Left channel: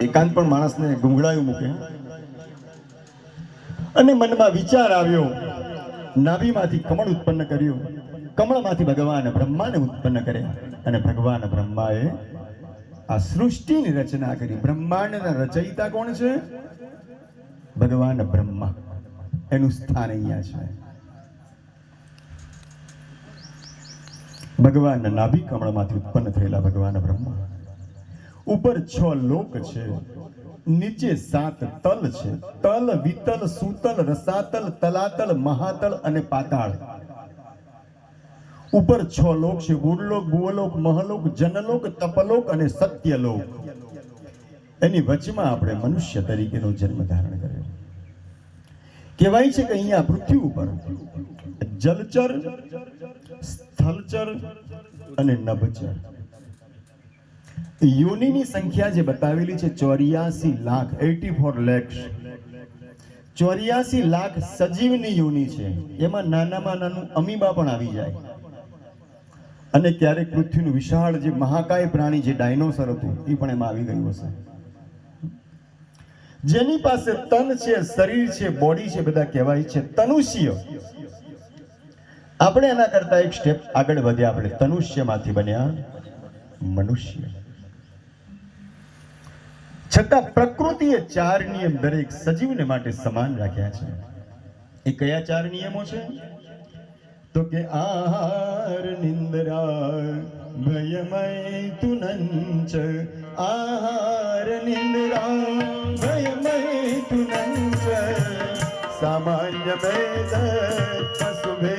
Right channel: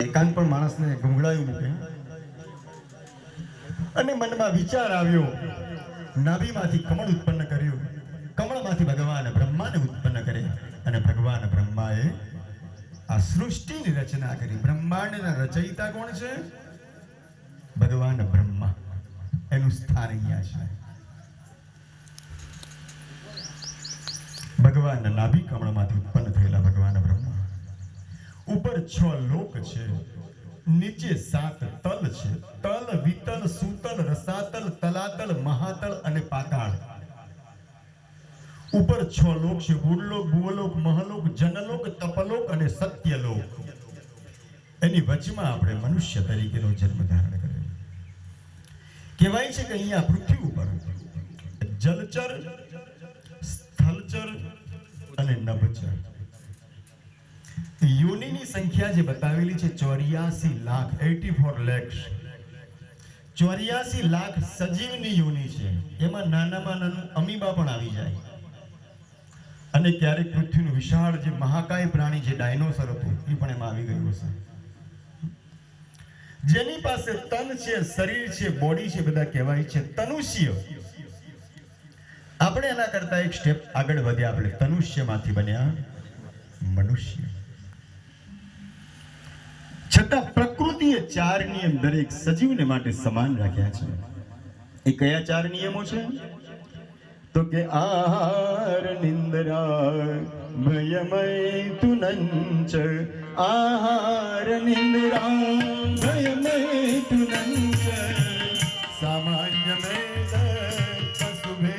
એકાંત પણ માણસને ગુંગળાયું મૂકે અને મનમાં વિચાર આવ્યો, નાભીમાંથી કમળ ઉત્પન્ન કર્યું, કમળમાંથી ભગવાન બ્રહ્માને ઉત્પન્ન કર્યા અને ભગવાન બ્રહ્માએ આ સૃષ્ટિની રચના કરી. બ્રહ્માંડના રચયિતા કોણ છે? ભગવાન બ્રહ્મા. એનું સ્થાન અહીંયા છે. ભગવાનના નાભી કમળમાંથી ઉત્પન્ન થયેલા ભગવાન બ્રહ્મા. ઉપર 6 લોક છે, નીચે 7 તલ છે. તલ, વિતલ, સુતલ, રસાતલ, તલાતલ, મહાતલ અને પાતાળ. ઉપર 6 લોક છે: ગુણલોક, ભુવલોક, મહલોક, જનલોક, તપલોક અને સત્યલોક. એની વચમાં આપણે મનુષ્ય તરીકેનો જન્મ ધારણ કર્યો. કહેવાય છે કે અહીંયા પૃથ્વી ઉપર જલચર, સ્થલચર અને નભચર યોનિની સંખ્યા જે બતાવેલી છે 84 લાખ, 84 lakhs. 84 લાખ સજીવની યોનિ છે. એમાં નાનામાં નાનું અમીબા પણ આવી જાય. અને ક્યારેક પૃથ્વીનું વિશાળ જે મહાકાય પ્રાણી જે ડાયનોસર હતું એ પણ એમાં આવી ગયું હશે. જેની પાસે તન છે, શરીર છે, બોડી છે, બધા કહેવાય છે તનુષ્ય. આપણે એના કરતા એક સ્ટેપ આગળ વધ્યા. આપણે તનુષ્યમાંથી બન્યા મનુષ્ય. છતાં પ્રકૃતિએ 4 નિયમ દરેક સજીવને માટે સમાન રાખ્યા છે. એ કયા 4 નિયમો છે? તો કે આહાર, નિંદ્રા, ભયમય તુનંચ. આહાર, નિંદ્રા, ભયમય તુનંચ. સામાન્ય મેદ પશુભે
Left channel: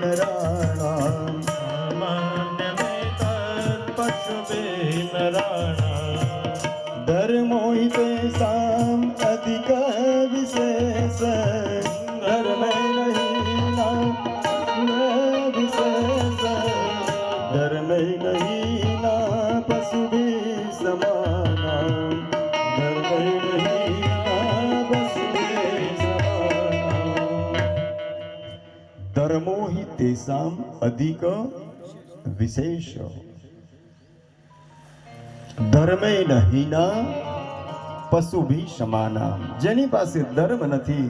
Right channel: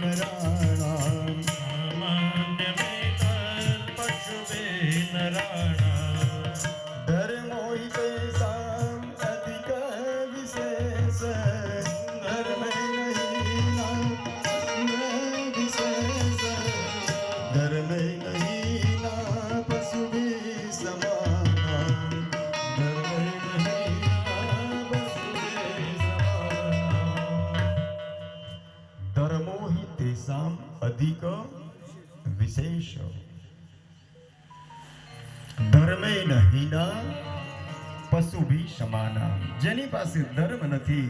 નરાણામ. સામાન્ય મેદ પશુભે નરાણામ. ધર્મો હિ તેષામ અધિક વિશેષ. ધર્મે નહીં ના વિશેષ. ધર્મે નહીં ના પશુભી સમાનામ. ધર્મે નહીં ના પશુભી સમાનામ. ધર્મો હિ તેષામ અધિક વિશેષ. ધર્મે નહીના પશુભી સમાના. જેની પાસે ધર્મ નથી,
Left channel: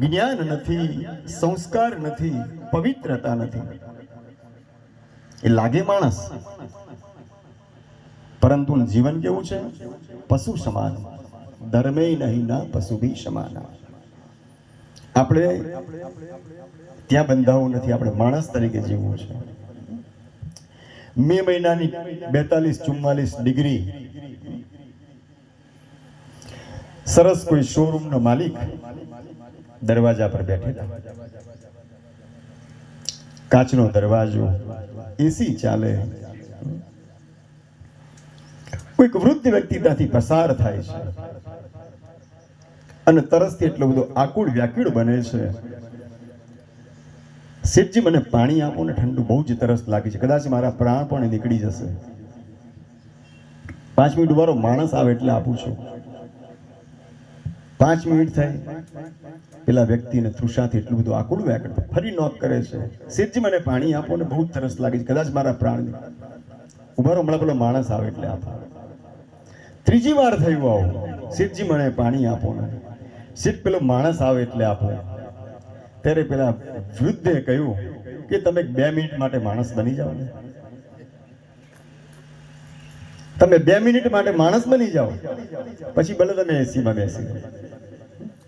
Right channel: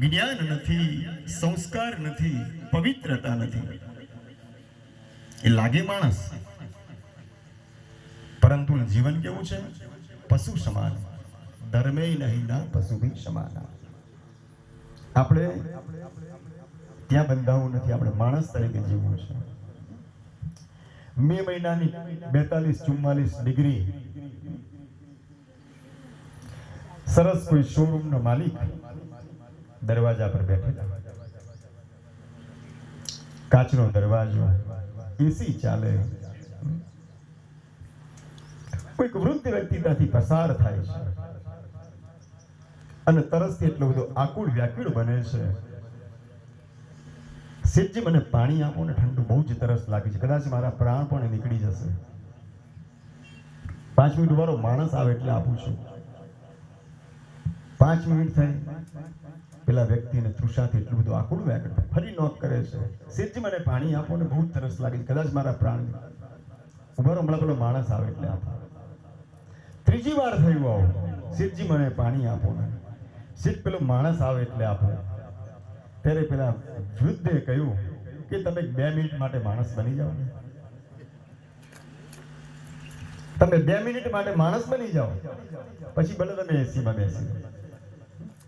જ્ઞાન નથી, સંસ્કાર નથી, પવિત્રતા નથી, એ લાગે માણસ, પરંતુ જીવન કેવું છે? પશુ સમાન. ધર્મે નહીના પશુભી સમાના. આપણે ત્યાં બંધાવું નથી, આપણે માણસ તરીકે જીવવું છે. મે મહિનાની 42-44 ડિગ્રી. સરસ કોઈ શોરૂમનો માલિક દરવાજા પર બેઠેલા. કાચનો દરવાજો, એસી ચાલે. કોઈક વૃદ્ધ વ્યક્તિ ત્યાંથી પસાર થાય છે અને તરસથી એટલો બધો આકુળ વ્યાકુળ બને છે. શેઠજી, મને પાણી આપો ને, ઠંડુ બહુ જ તરસ લાગી છે, કદાચ મારા પ્રાણ પણ નીકળી જશે. 5 મિનિટ વાળો માણસ આવે એટલે આપું છું. 5 મિનિટ થઈ, પેલા વ્યક્તિને તૃષાથી એટલું બધું આકુળ વ્યાકુળ ફરી નોક કરે છે. શેઠજી, મને પાણી આપો ને, બહુ તરસ લાગી છે, કદાચ મારા પ્રાણ ઉભા રહો, હમણાં પેલો માણસ આવે એટલે આપો. 3જી વાર થયું આવું, શેઠજી મને પાણી આપો ને. શેઠ, પેલો માણસ આવે એટલે આપો. ત્યારે પેલા વૃદ્ધે કહ્યું કે તમે 2 મિનિટ માટે માણસ બની જાઓ ને. તમે 2 મિનિટ માટે માણસ બની જાઓ, પછી ભલે તમે એસીમાં બેસી.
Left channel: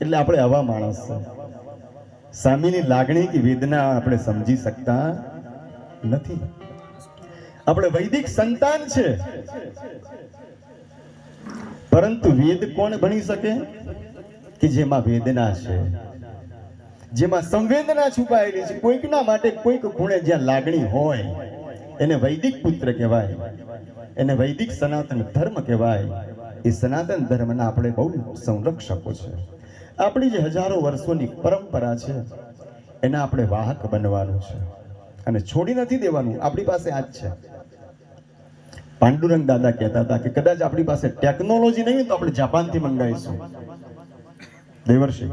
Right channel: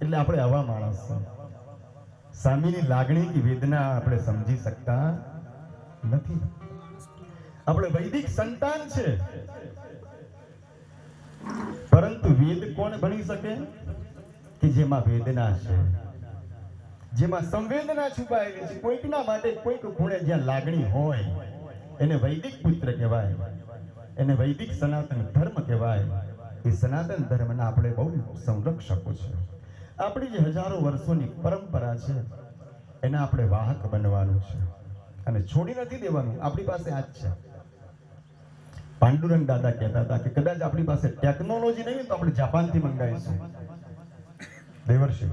એટલે આપણે આવા માણસ છે. સામેની લાગણી કે વેદના આપણે સમજી શકતા નથી. આપણે વૈદિક સંતાન છે, પરંતુ વેદ કોણ ભણી શકે? કે જેમાં વેદના છે, જેમાં સંવેદના છુપાયેલી છે. કોઈકના માટે કોઈક ખૂણે જ્યાં લાગણી હોય એને વૈદિક પુત્ર કહેવાય, એને વૈદિક સનાતન ધર્મ કહેવાય. એ સનાતન ધર્મના આપણે બહુ સંરક્ષકો છે. આપણી જે હજારો વર્ષોની પરંપરા છે એના આપણે વાહક બનવાનું છે અને છોડી નથી દેવાનું. આપણી પાસે આ જ છે. પાંડુરંગ દાદા કહેતા હતા કે કદાચ આપણી પાસે ટેકનોલોજી નહીં તો આપણે જાપાનથી મંગાવીશું. દેવર્ષિ,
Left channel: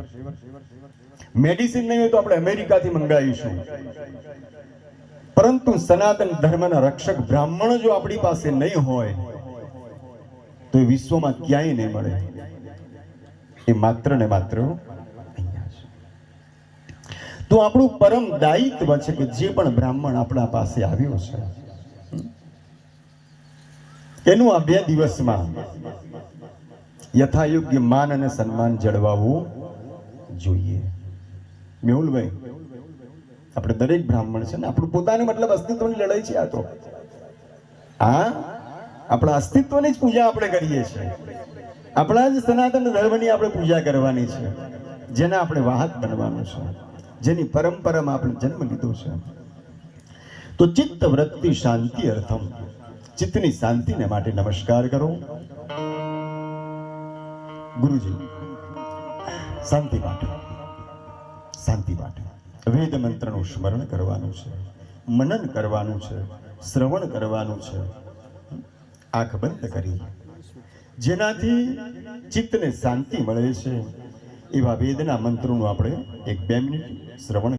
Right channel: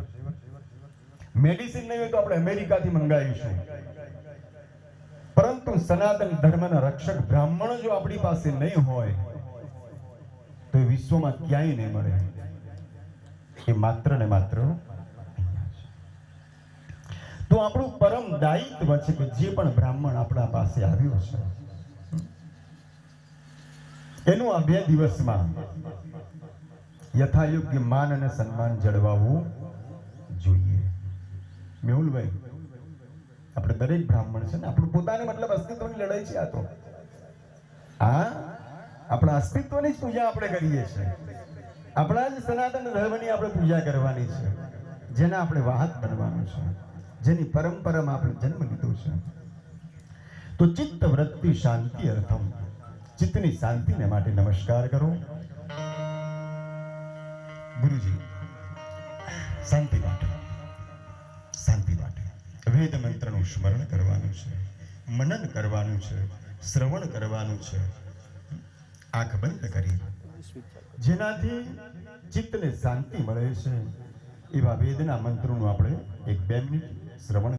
મેડિસિન નહીં હોય તો આપણે અમેરિકાથી મંગાવીશું. પરંતુ સનાતન ધર્મના રક્ષક બ્રાહ્મણો જો આપણી પાસે નહીં હોય તો એ વિશ્વમાં ક્યાંય નહીં મળે. એ માત્ર ને માત્ર અહીંયા છે. તો આપણું પરમ દાયિત્વ છે કે જે પણ બ્રાહ્મણ આપણા પાસે આવ્યો છે એનું આ 2 દિવસમાં યથાયોગ્ય માન અને સન્માન જળવાવું જોઈએ. મેહુલભાઈ, આપણે દરેક બ્રાહ્મણ છે ને આપણું પોતાની મતલબ અસ્તિત્વની લડાઈ છે. આ તો આપણા અસ્તિત્વની જ પૂજા આપણે કરીએ છીએ. આપણા જ સનાતન ધર્મની આપણે પૂજા કરવાની છે, જેના આપણે વાહક બનવાનું છે, જેની પરંપરામાં આપણે જન્મ લીધો છે. તો ચિત્ત વૃત્તિ શાંતિ અર્થમ, ચિત્તની શાંતિને માટે નમસ્કાર કરો. ગુરુજી, શાંતિ માટે વેદ મંત્રનું સ્મરણ કરવાનું છે, મનન કરવાનું છે, શ્રવણ કરવાનું છે, આંખ બંધ કરી, જેનાથી ચિત્તને શાંતિ મળે છે એવા વેદના મંત્રોનું આપણે 1-2 મિનિટ શ્રવણ